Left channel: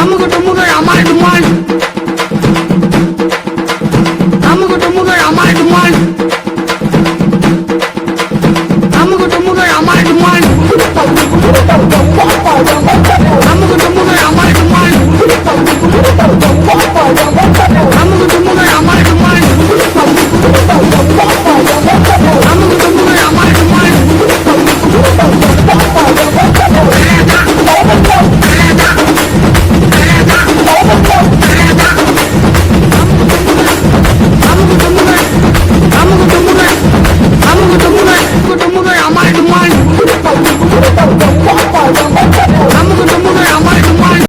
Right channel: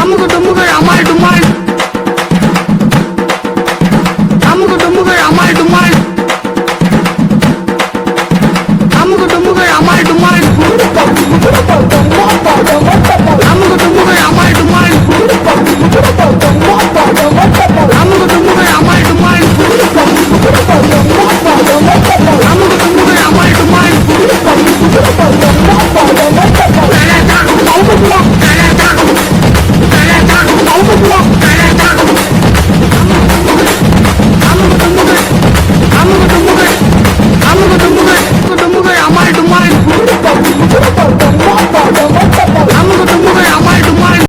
அமுகு டுமுகள் அமால் டுமால், அமுகு டுமுகள் அமால் டுமால், அமுகு டுமுகள் அமால் டுமால், அமுகு டுமுகள் அமால் டுமால், அமுகு டுமுகள் அமால் டுமால்.